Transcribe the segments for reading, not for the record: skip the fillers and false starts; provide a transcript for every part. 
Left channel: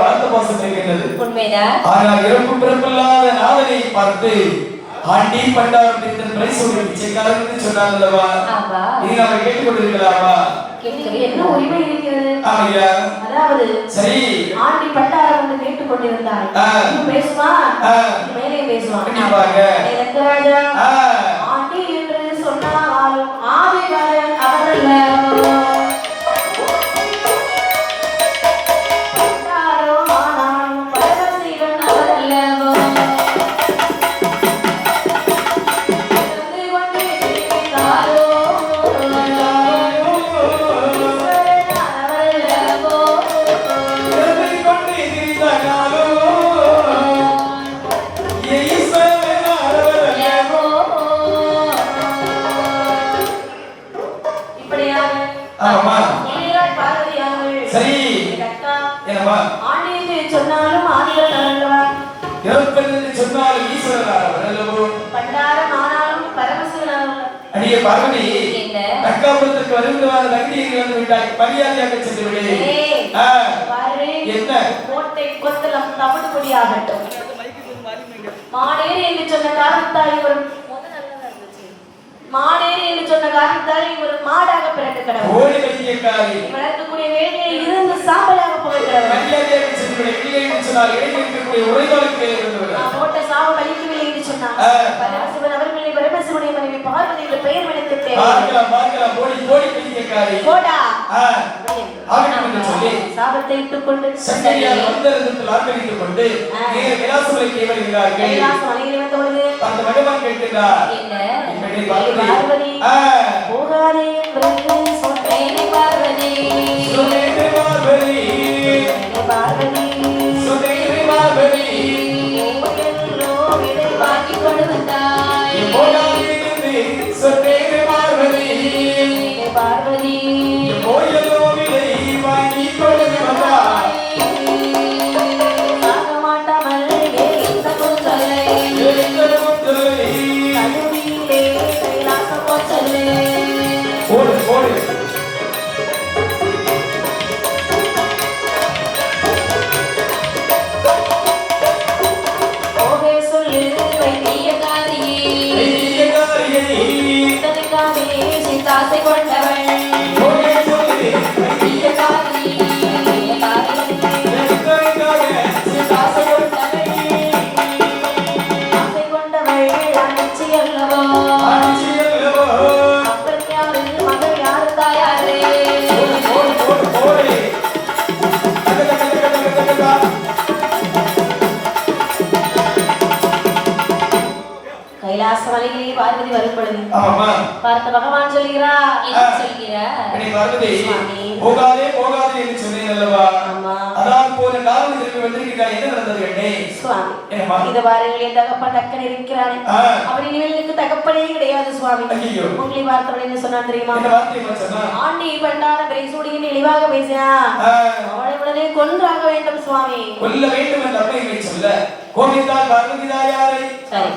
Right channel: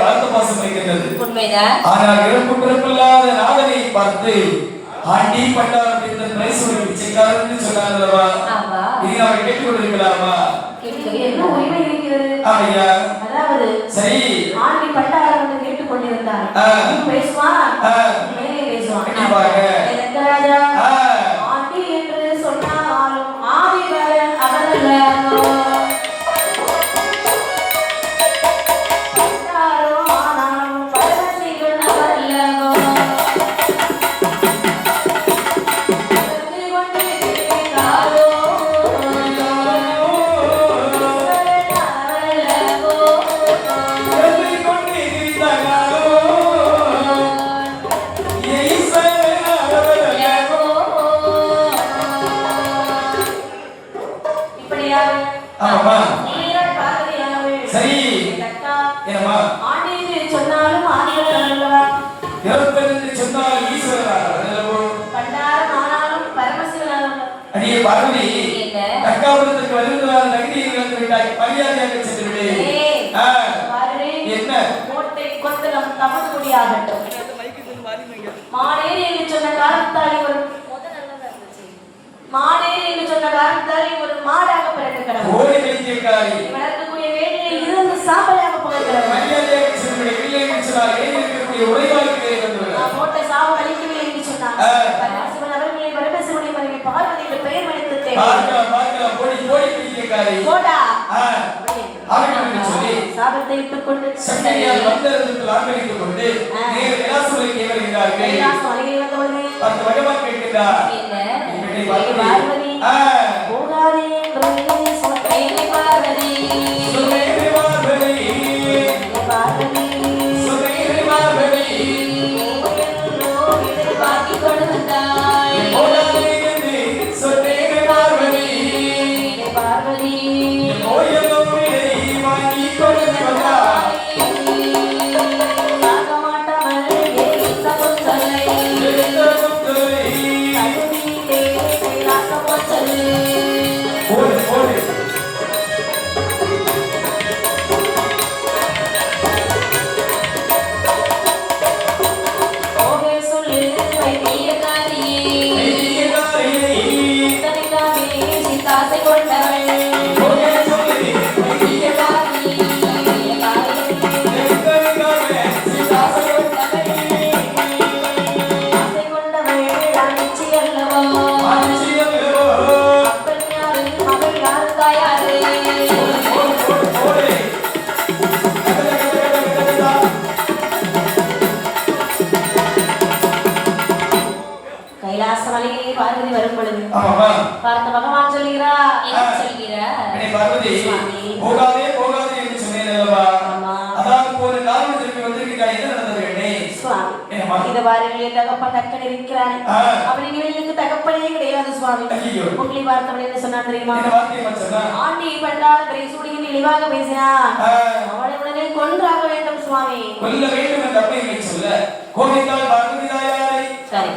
வாழ்த்த பாசம் இருக்கின்றது. ஆனால் இறப்பு பிறப்பில்லாத நாதனை பார்த்து ஆண்டி பண்டாரத்தின் பிரைசோடி பிச்சைக்காரர் என்று சொன்னார் அல்லவா? இனி நாம கேட்டுக்கொண்டிருக்கலாமா? என்ன உரிமை இருக்கிறது? அதாவது சரி ஆண்டி பண்டாரம் என்று கேட்டுக்கொண்டிருந்தார். பேசுவா மேலே பேசுவான். ஆண்டி என்று சொன்னாலும் ஆதிவரன் அவரல்லவோ பார்வதி தக்காபுரத்துக்கு வருவதால் நகரியை இழந்து விட்டாய். பரியாதியாக சென்று விடு. என்ன கோட்டை கொத்தளம் தமது கொடியாகட்டும். மானேரி என்று சொன்ன காரணத்தால் ஒரு மானேரி என்று சொன்ன காரணத்தால் ஒரு மாடாக பிறக்க கடவுள். ஓடி வைத்தியக்காரி வளர்க்கக்கூடிய வேலையில் இருந்து சாம்பலாக போக கடவுள். பரியாதியாக சென்று விடு. இல்லை என்று சொன்னால் ஏன் இருக்கக்கூடிய உரைகளுக்கு போட்ட சாவ வலிக்கவில்லை என்று சொன்னார். பரமசிவன் அவர்களை பரமசிவனை மனைவி பார்வதி என்ற பெயர் எனக்கு தேவை. போடா சாபத்தை இட்டுக் கொண்டு சங்கரியால் வந்தரத்தில் ஆர்ப்பரித்துக் கொண்டு நேர கைலாசமலைக்கு வருகிறார்கள். கைலாசமலையில் வந்த பொழுது அந்த பகவான் கேட்கிறார், பார்வதி போகாதே என்று சொன்னேன். பார்வதி பார்வதி பார்வதி வரும் பொழுது பார்த்த பகவான் சொல்கிறார், போகாதே போகாதே என்று சொன்னேன் அல்லவா? அதான் போன காரணத்திற்கு வந்திருக்கிறாய். என்ன நடந்தது கண்ணே? சுவாமி இத பாருங்க, தகப்பன் தக்கன் இருக்கிறானே அப்படி இவளுக்கு தகப்பனே கிடையாது சுவாமி. உங்களை பார்த்தவள் என்ன சொன்னா தெரியுமா? ஆண்டி பண்டார பேசுடியில் இழிவாக பேசினா அவளை உடனே கொன்றாக வேண்டும் சுவாமி. கொல்ல வேண்டும் என்ற அப்பையை சொல்ல கோபித்தால் பார்வதி தாயாரை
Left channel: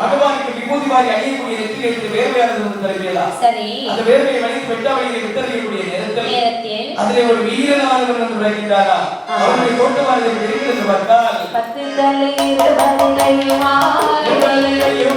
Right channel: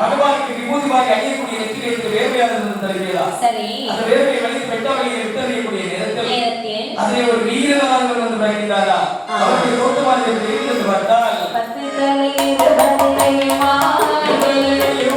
பகவானுக்கு விபூதி வாரி அணியக்கூடிய நெற்றியிலிருந்து வேர்வையானது தருகிறதா? சரி, அந்த வேர்வையை வலித்து வெட்டாமையை விட்டறியக்கூடிய நேரத்தில் அதிலே ஒரு வீரனானவர் வந்து வருகிறாரா? அவருடைய தோட்டமானது வெளியிலிருந்து வந்தால் 10 தலையுமா கிடையோ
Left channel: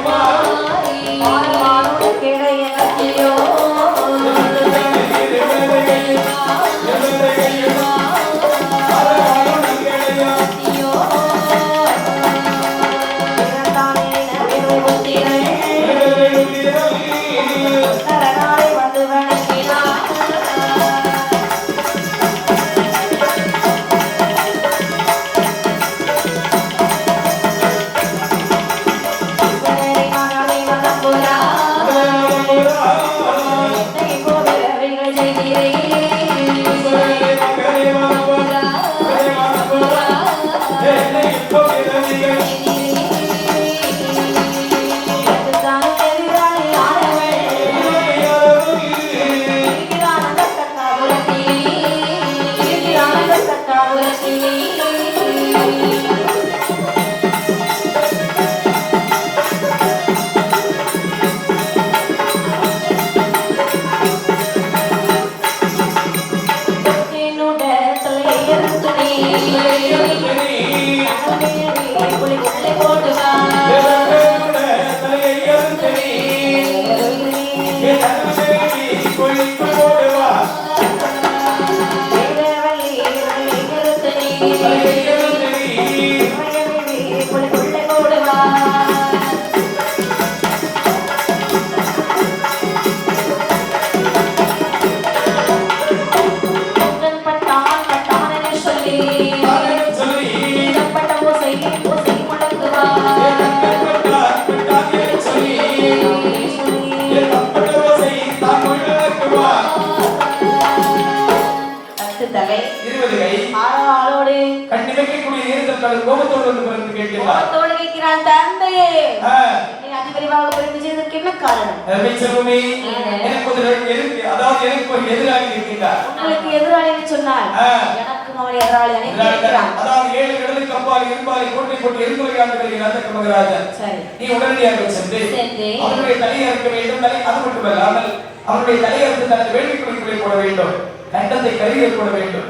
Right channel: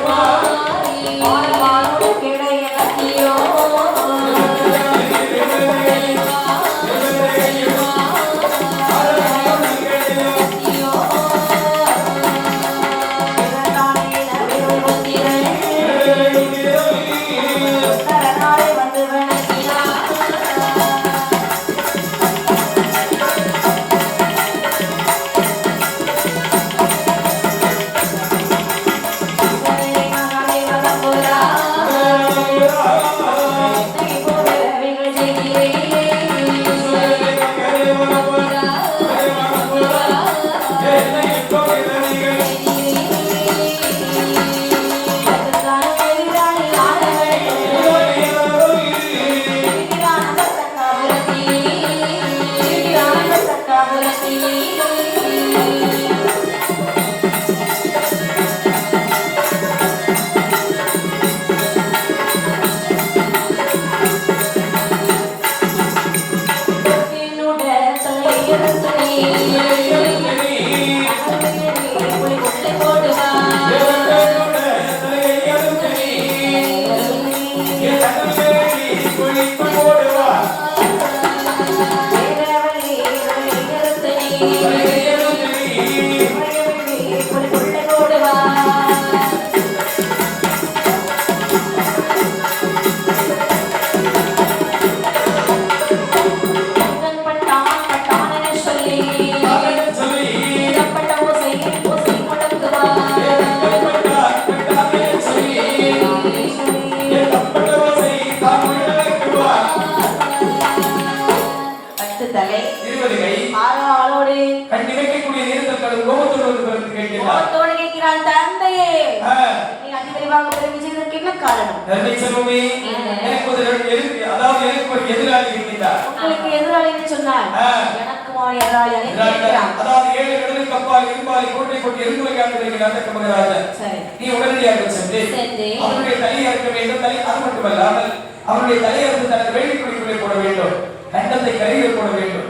அவருடைய தலையறுத்து தனது வேள்விக்குழிக்குள்ளே போட வேண்டும். கண்டத்தை கரையில் போட வேண்டும்.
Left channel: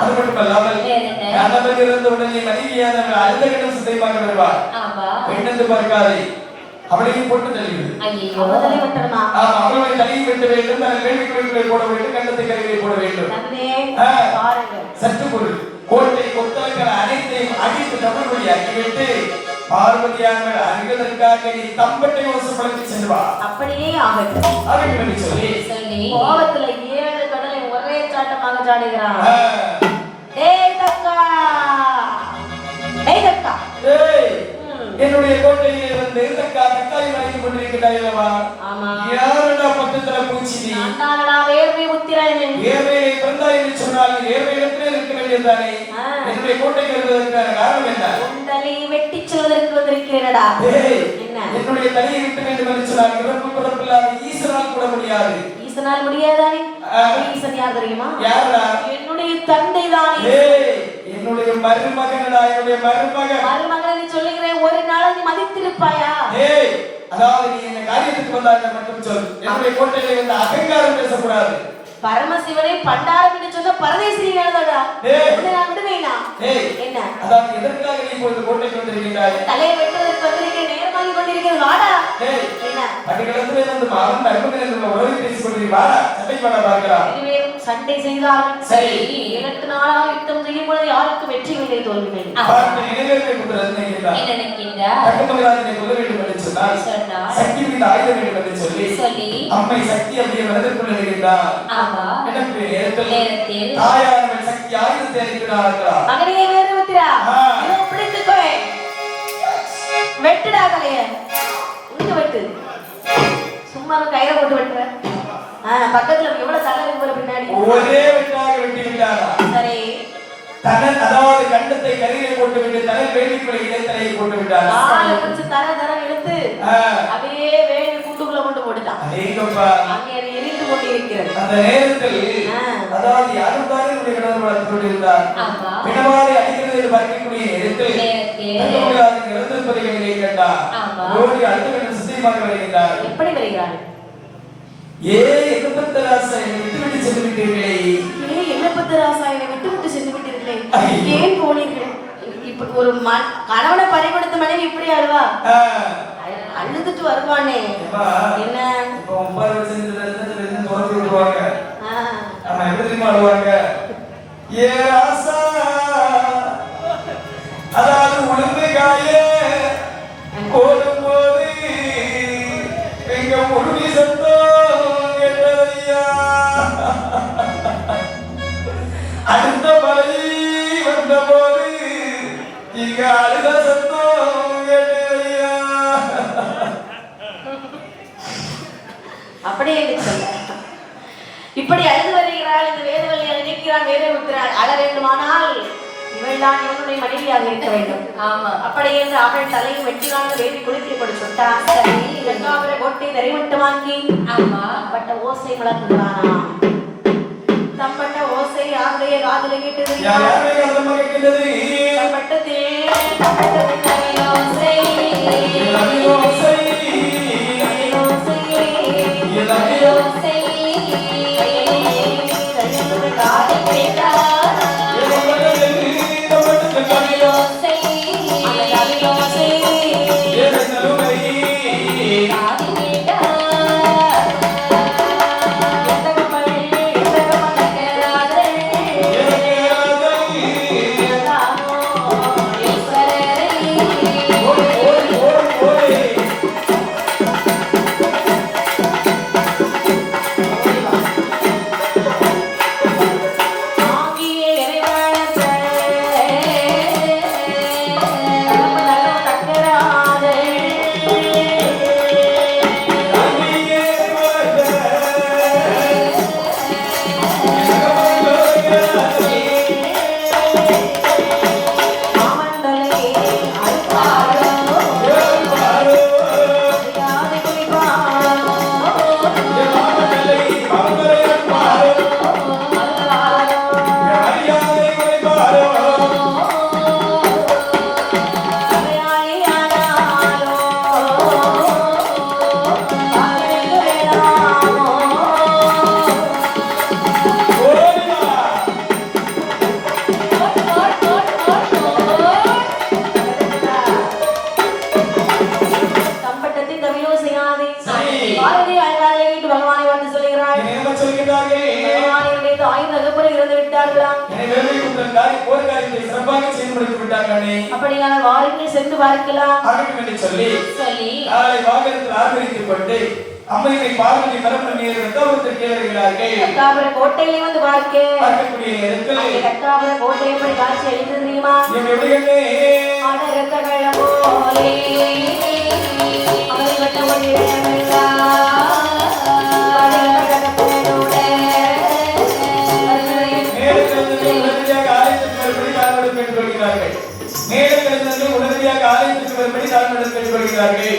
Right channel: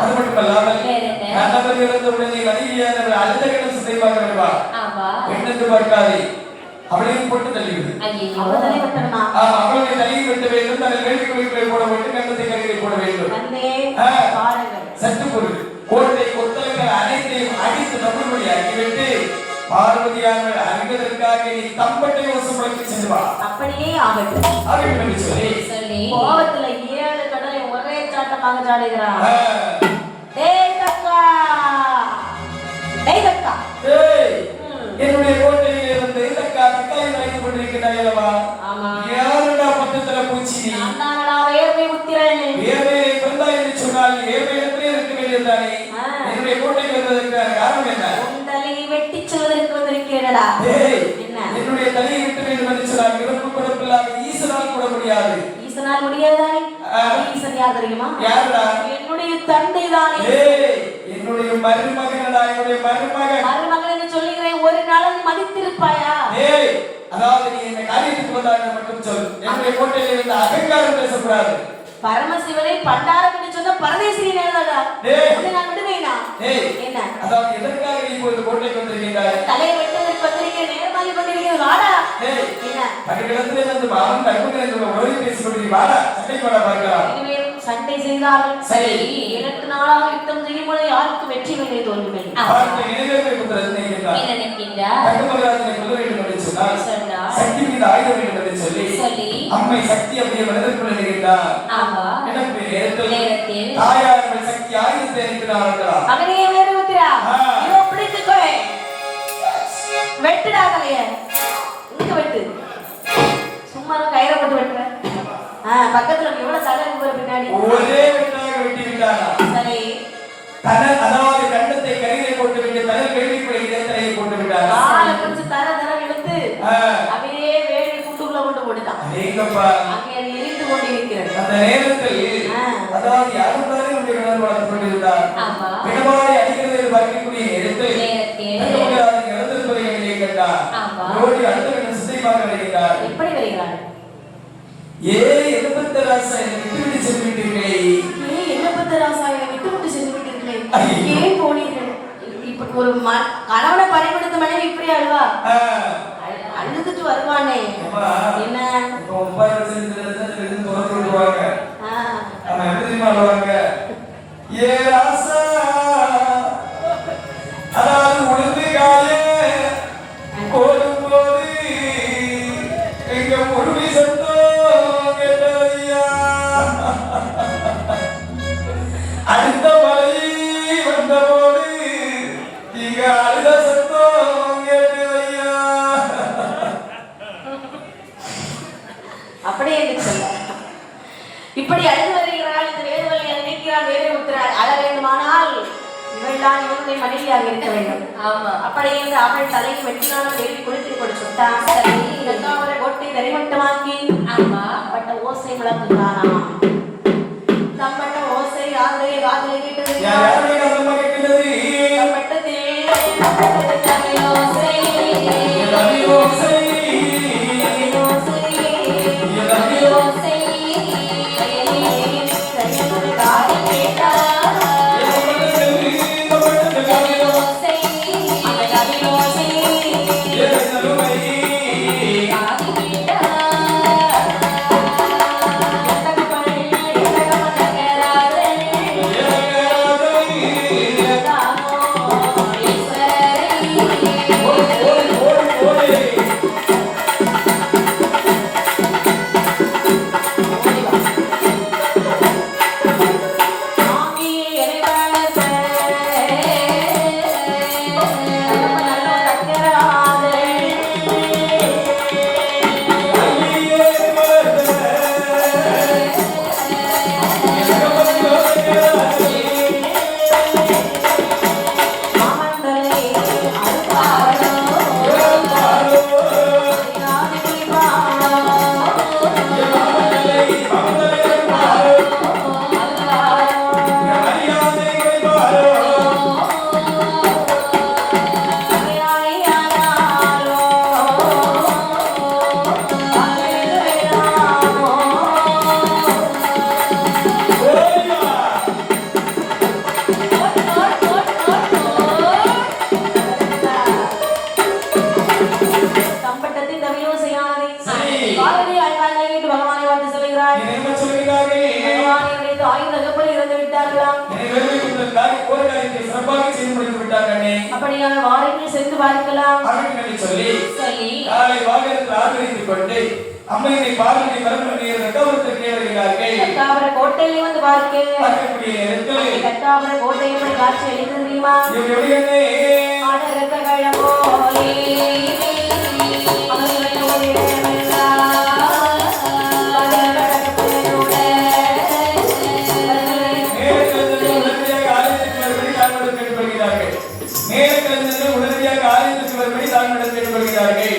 அது மட்டுமல்லாமல் கண்டத்திலிருந்து உடனே மனைவியானவள் அடுத்த கண்டம் சிதைவாக வருவார். பெண்ணென்று பார்க்காதே, அவளையும் போட்டு தள்ளிவிடு. அவளுடைய தலையை வெட்ட வேண்டும், தனது வேள்விக்குழிக்குள்ளே போட வேண்டும், கண்டத்தை கரையில் போட வேண்டும். சற்று பொருள் கோட்டை கொத்தளங்கள் அனைத்தையும் அடித்து தமிழ்மொழி ஆக்கிவிட்டு பார்வதியானவள் அறிவதற்காக நீ தம்பட்டை வசப்படுத்தி செல்வா. அப்படியே ஆகட்டும். அப்படின்னு சொல்லி கோபத்துல 7 கடலை ஒரே சாட்டமாக சாடுகிறான். டேய் தக்கா, டேய் தக்கா, என்னுடைய கோட்டையில் இருந்து தக்கா தக்காளி வரைந்து கொண்டிருக்கிறாயல்லவா? ஆமா. யாருடா பக்கத்துல பூச்சி? நான்தானடா வேர்வை உத்திரன். வேர்வையை பிறந்தாய் என்று சொன்னால் வேர்வையிடத்திலே இருக்க வேண்டியதுதானே? என்னுடைய கோட்டைக்கு வருவதற்கான காரணம் என்ன? உன் தலையை வெட்டி சொல்வதற்கு வந்திருக்கிறேனடா. என்ன? என்னுடைய தலையை வெட்ட வேண்டும் என்று சொன்னால் இறப்பு பிறப்பில்லாத ஈசனால் கூட முடியாது. ஈசனால் முடியாதானே? ஈசன் யார் தெரியுமா? யாரா? என்னுடைய தந்தை தானே. என்னுடைய மருமகனடா, என்னுடைய மருமகன். மருமகன் சொல்லுகிறேன், ஒரு நாள் நீ மதித்திருப்பாயா? அதாவது நீ இந்த காரியத்துக்கு வந்தாங்க மட்டும் சொல்லு. என்னுடைய கோட்டையில இருந்து அகங்காரம் பேசக்கூடாது. பரமசிவனை பண்டாரம் என்று சொன்ன பரதேசி நேரடா. நான் விடுவேனா? என்ன? அதாவது எதற்காக நீ இந்த கோட்டைக்கு வந்திருக்கிறாய்? தலையை வெட்டுவதற்கு வந்திருக்கேன், நேர்மாறி கொண்டிருக்கிறது. வாடா. என்ன? பக்கத்துல இருந்து அவன் அருமையில இருந்து உறவு பேசிக்கொண்டு வாடா, சண்டை போட பார்க்கலாம். இருவரும் சண்டை செய்தார்கள். சரி, 8 நாளாக யுத்தம் செய்யும் பொழுது யாருக்கு வெற்றி இல்லை, தோல்வி இல்லை. சக்தி மீது ஆயுதம் என்று சொல்லி அம்மை சக்தி அப்படியே வளர்ந்து வருகிறார். தாயார் சக்தி ஆயுதத்தை இருக்கிறார்களா? மகனே வேறுமுத்திரா, இதை பிடித்துக்கோ. வெட்டுடா தலைய, இங்க வெட்டு. சும்மா கயிறை போட்டு வெட்டுற. பக்கத்துல எவ்வளவு தலை போல பின்னாடி ஒரே வெட்டாக வெட்டிவிட்டாரா? சரி, அதாவது கண்டத்தை கரையில் போட்டு விட்டு தலை வேள்விக்குள்ளே தலையை போட்டு விட்டார். ஆளை பிடிச்சு தர இழுத்து அப்படியே வேள்வி கூட்டுக்குள்ள கொண்டு போட்டுட்டான். அங்கே எரிந்து கொண்டிருக்கிறது. அந்த நேரத்தில் அதாவது யாரும் தானே உடைய கடவுள் வளர்த்து கொண்டிருந்தார். பிணவாய் அடிக்கிறது பார்க்கக்கூடிய நேரத்தில் இறந்திருப்பதை கேட்டார். ஓடி அடுத்த சித்தியமாக வருகிறார். எப்படி வருகிறார்? எலும்பத்த ராசா என்னை விட்டுவிட்டு சென்று விட்டீர்களே. எலும்பத்த ராசா என்னை விட்டுவிட்டு சென்று விட்டீர்களே, ஏன் போனீர்கள்? இப்ப ஒரு கணவனை பறிகொடுத்த மனைவி இப்படி அழுவா? அழுதுட்டு வருவானே. என்ன ஏ ராசா, அதாவது உளுந்து காய போடும் போது எங்க முழுவி சத்தம் அடுத்த மழை வந்தபோது இங்க அழுத சத்தம் கேட்டையா. அப்படி என்று சொல்ல இப்படி அழுது வருகிறாள். இந்த வேதவழியை நினைக்கிறான், வேலை விட்டுறாள். அழ வேண்டுமானால் இவள்தான் இவனுடைய மனைவியாக இருக்க வேண்டும். ஆமா, அப்படி என்று அவள் தலையை வெட்டினாலும் வேண்டி குளித்து கொண்டு சுட்டான். அவரை கொட்டி தரிமட்டமாக்கி பட்ட ஓசை முழக்குகிறானா. தம்பட்ட ஓசை யாருடைய காதலை கேட்டது? அப்படியான வாருங்கள் சென்று பார்க்கலாம் சொல்லி நாளை வாகனத்தில் ஆதரித்துக் கொண்டு அம்மையை பார்வதி மரபணி ரத்தவரத்திற்கு வருகிறார்கள். கத்தாபுர கோட்டையிலே வந்து பார்க்கக்கூடிய நேரத்தில் கத்தாபுர கோட்டை எப்படி காட்சி அளித்தது தெரியுமா? போலே அவனை விட்ட ஒரு உடனடியாக ஆலயத்துக்கு வரும்படி தாழ்மையுடன் கேட்டுக்கொள்கிறார்கள்.